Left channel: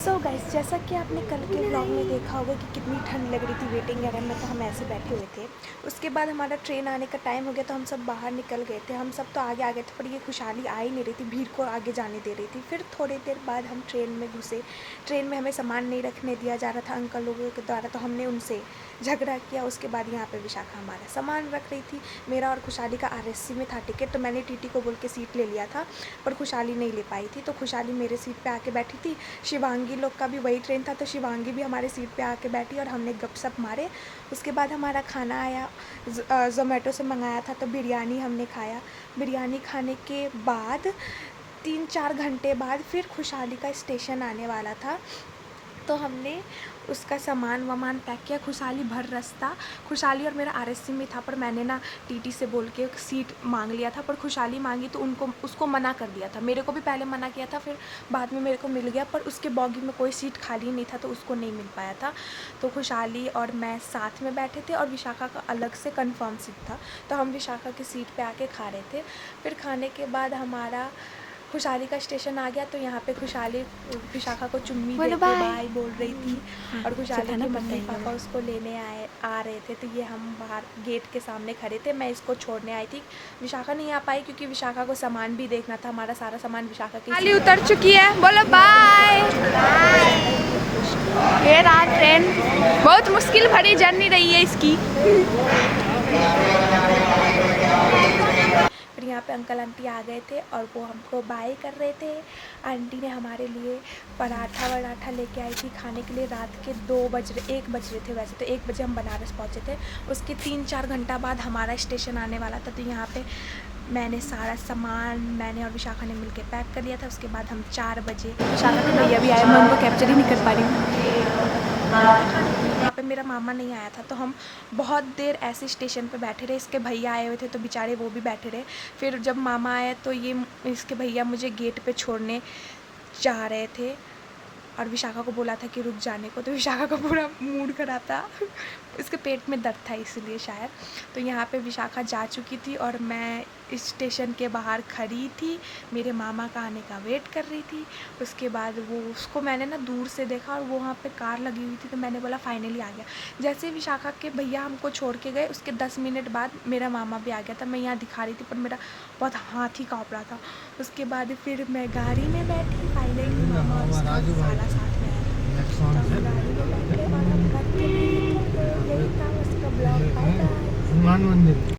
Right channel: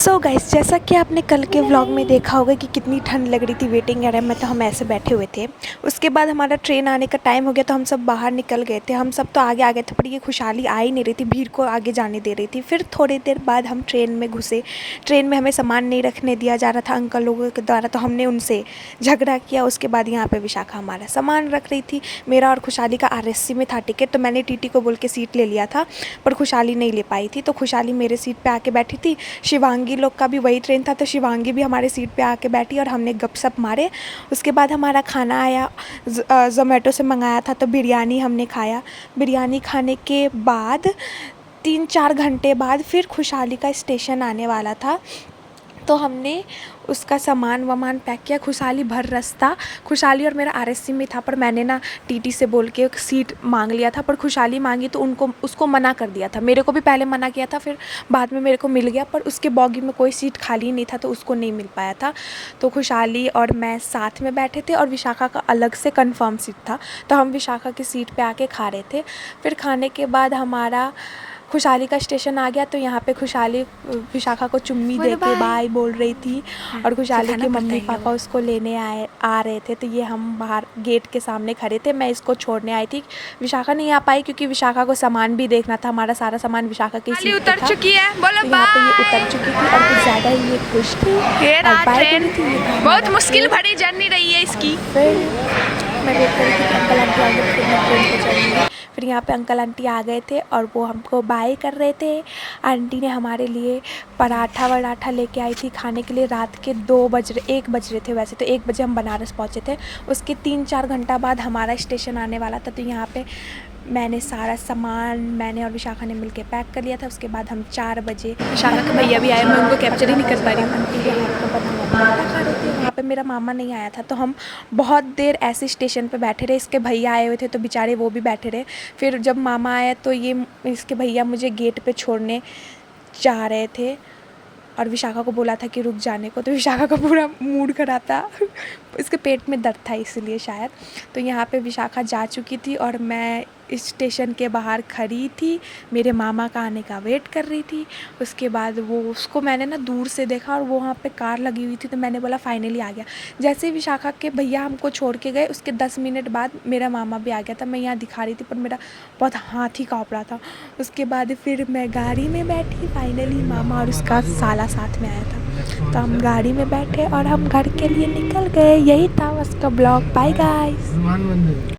So guys, जैसा कि आपने कल के व्लॉग में देखा होगा कि कितनी ठंड लग रही थी वेटिंग एरिया में, तो हम ऐसे बैठे हुए थे। उसके बाद हमारा ट्रेन आने का टाइम हो गया तो हम सब बाहर निकल गए थे। हम सब तो आगे आ गए थे, पर ये खुशहाली आ ही नहीं रही थी, भीड़ को आगे जाने दे रही थी। फिर थोड़ी देर बाद हम ट्रेन में घुसे। ट्रेन में हमें सामान नहीं रखने दिया जा रहा था अंकल लोगों के द्वारा, तो हमने उनसे झगड़ा किया। उसके बाद यहाँ पर विशाखा हमारा सामान रख रही थी। मेरा और खुशहाली का RSC में था टिकट, तो मैंने TT को बोल के सीट ले लिया था, पर खुशहाली नहीं ले पाई थी। तो खुशहाली मेरे सीट पर आके बैठी थी। शिवांगी लोग का भी वही ट्रेन था, तो शिवांगी भी हमारे सीट पे आके बैठी और हमने गपशप मारे। उसके बाद हमारा खाना आया, ज़ोमैटो से मंगाया था, तो बिरयानी हमने खाया। बिरयानी खाने के बाद 3-4 घंटे बाद फिर खुशहाली का स्टेशन आने वाला था, तो हमने उसका सामान वामान पैक किया। खुशहाली भर रास्ता खुशहाली और मेरा RSC में था, पर मैंने ना TT से बोल के सीट मांग लिया था, पर खुशहाली मांगी तो उसको मना कर दिया था। मेरे को भी पहले मना किया था, फिर बाद में मेरे को मिल गया, पर उसके बॉगी में कोई सीट खाली नहीं था, तो उसको नहीं मिल पाया था। तो खुशहाली और मैं साथ में बैठे थे और विशाखा का अलग से कन्फर्म सीट था, तो हम विशाखा की सीट पर आके खा रहे थे। फिर खाने के बाद हमारा खुशहाली का स्टेशन आ गया, तो यहाँ पे खुशहाली विशाखा को चुम्मी दे के बाय बोल रही थी, और खुशहाली के मम्मी पापा उसको लेने आ रहे थे। तो ये हम बाहर गेट के सामने खड़े थे, मैं इसको छोड़ने आई थी। विशाखा नहीं आ पाई क्योंकि विशाखा को सामान भी देखना था। हमारा सारा सामान विशाखा की सीट पे उतर था। चुकी है, बोलो तो बाय। उतर चुकी थी, और ज़्यादा ये खुश थी। ये रहा ट्रेन, बहुत मुश्किल भरी जर्नी रही है इसकी। फिर यहाँ पे अंकल आंटी आ गए थे और वो हमको बाय कर रहे थे। आंटी ने हमारे लिए पराठा वराठा लेके आई थी खाने के लिए। रात के 1 बज रहे थे, वैसे तो 1 बजे हम बनारस पहुँचे थे। उसके 3-4 घंटा बाद हमारा स्टेशन आने वाला था, तो यहाँ पे मैंने सारा सामान मैंने और विशाखा ने मिलके पैक कर लिया था। उसके बाद हम 4 बजे विशाखा के भैया भी आए, मैं उनको कैप्चर ही नहीं कर पा रही हूँ। यहाँ पे मेरा मामा नहीं आया था, तो हम बहुत देर ऐसे स्टेशन पे बैठे रहे। इसके भैया आए हुए थे, तो बेचारे वो भी बैठे रहे। फिर जब मामा आए तो ये इसके भैया मुझे गेट पे छोड़ने जा रहे थे, और विशाखा को बोला था कि रुक जाने को, तो विशाखा का पूरा मूड खराब था। इसके पेट में दर्द था इसलिए शायद। तो यहाँ पे विशाखा जा चुकी थी और मैं इस स्टेशन के बाहर खड़ी थी, मेरे मामा का आने का वेट कर रही थी। उसके बाद उसको मैंने ना दूर से देखा और वो वहाँ पे कार लगी हुई थी, तो मैंने बोला फाइनली आ गया। जैसे ही विशाखा के भैया हमको छोड़ के गए, उसके 10 मिनट बाद मेरा मामा भी आ गया था। मैं यहाँ दिखा रही थी, पर मेरा बहुत हाथ ही काँप रहा था। उसके बाद फिर मैं गाड़ी में बैठी, फाइनली मामा और उसका साला साथ में आया था, तो हम गाड़ी में बैठे और हम घर के लिए निकल गए। यही था उसका ब्लॉग। Bye guys.